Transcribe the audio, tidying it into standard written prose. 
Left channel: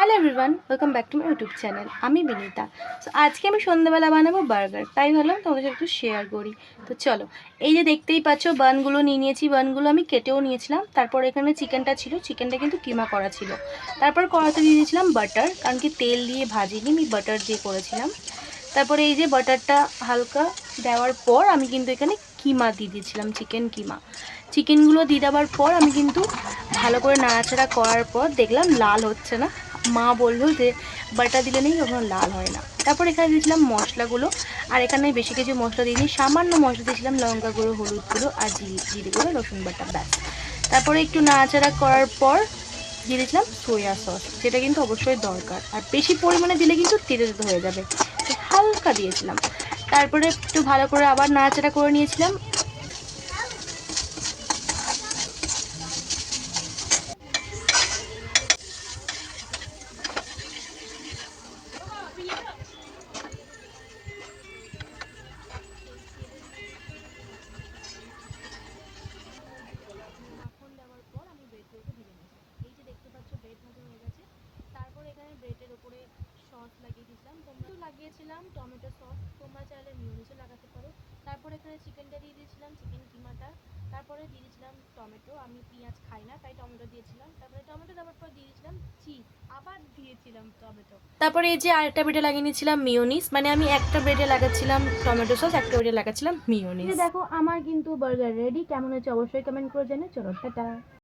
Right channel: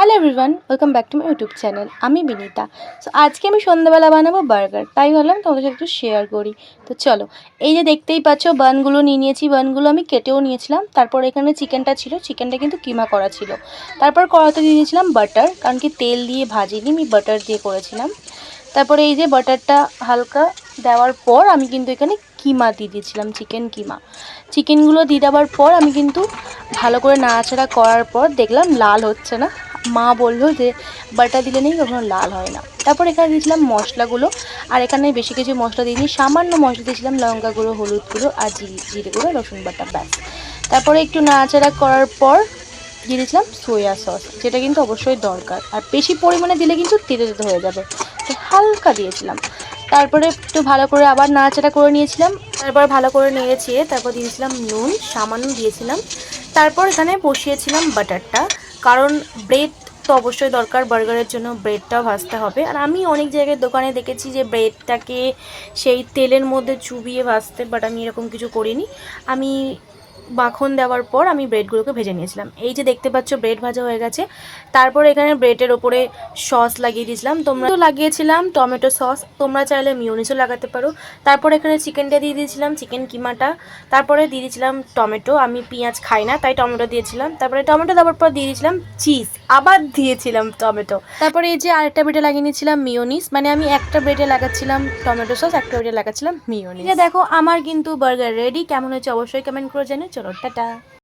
Hello everyone, welcome back to my YouTube channel. আমি Binita. So আজকে আমি সন্ধ্যাবেলা বানাবো বার্গার, তাই ভাবলাম তোমাদের সাথে একটু শেয়ার করি। তো চলো, এই যে দেখতেই পাচ্ছ বানগুলো নিয়ে নিয়েছি। বানগুলো আমি কেটেও নিয়েছিলাম। তারপর এখানে চিকেনটা ছিল, চিকেনটা কিন্তু কিমা করা ছিল। তারপর কড়াতে দিয়ে দিয়েছিলাম বাটার, কারণ কি তেল দিয়ে ভাজিনি, আমি বাটার দিয়ে করেছিলাম। তারপরে এই যে বাটারটা হালকা দেওয়ার পর আমি কিন্তু এখানে কিমা দিয়ে দিয়েছিলাম, চিকেন কিমা। চিকেনগুলো দিয়ে দেওয়ার পর আমি কিন্তু ভালো করে নাড়াচাড়া করার পর দেখলাম লাল হচ্ছে না। মা বললো যে বাটা দিলে নেই কখনো লাল হয় না। তারপর এখানে দিয়েছিলাম মশলাগুলো, আর এখানে বেশি কিছু মশলা দিইনি, সামান্য মশলা দিয়েছিলাম, লঙ্কা গুঁড়ো, হলুদ গুঁড়ো আর জিরে গুঁড়ো, রসুন বাটা, ব্যাস। তারপরে একটু নাড়াচাড়া করার পর দিয়ে দিয়েছিলাম সোয়া সস, যেটা কিন্তু অবশ্যই দরকার, আর বেশি পরিমাণে দিলে কিন্তু তেতে তেতে হয়ে যাবে, তো হালকা দিয়েছিলাম। তারপরে একটু ভালো করে আবার নাড়াচাড়া করে নিয়েছিলাম। তারপর ভালো করে নিয়েছি, তারপর দিয়েছিলাম নুন, সামান্য দিয়েছিলাম। তারপর এখানে বসিয়েছিলাম বাটারটা, কারণ ব্রেড তো অবশ্যই দরকার, বার্গারের জন্য ব্রেডটাও ভাজতে হবে। আর আমি অনেক জায়গায় দোকানে দেখেছি যে ব্রেডটাকে সেই তেলের মধ্যে চুবিয়ে ভাজতে, বাট আমি এরকম কিছু করিনি। আমি মাখন দেওয়ার পর আমি ব্রেডগুলোকে ভেজে নিয়েছিলাম। এই যে দেখতে পাচ্ছ ব্রেড ভাজা হয়ে গেছে। তারপর এখানে ব্রেডের ওপরে সস লাগিয়ে দিয়েছিলাম, তোমরা তো লাগিয়েছিলাম টমেটো সস, তোমরা চাইলে মিউনিসও লাগাতে পারো। তারপর এখানে চিকেনটা দিয়ে দিয়েছিলাম, চিকেন কিমাটা। তারপরে দিয়ে দিয়েছিলাম টমেটো, আমি পেঁয়াজ খাই না তাই টমেটো দিয়েছিলাম। তারপরে টমেটো দেওয়ার পর দিয়ে দিয়েছিলাম চিজ, আবার দিয়েছিলাম টমেটো। তারপরে এই যে আরেকটা ব্রেডে লাগিয়ে নিয়েছিলাম মিউনিস, মানে আমি একটা ব্রেডে লাগাচ্ছিলাম টমেটো সস, একটা ব্রেডে লাগাচ্ছিলাম মিউনিস। দেখো আমার কিন্তু বার্গার রেডি। কেমন হয়েছে অবশ্যই কমেন্ট করে জানিও। চলো টাটা।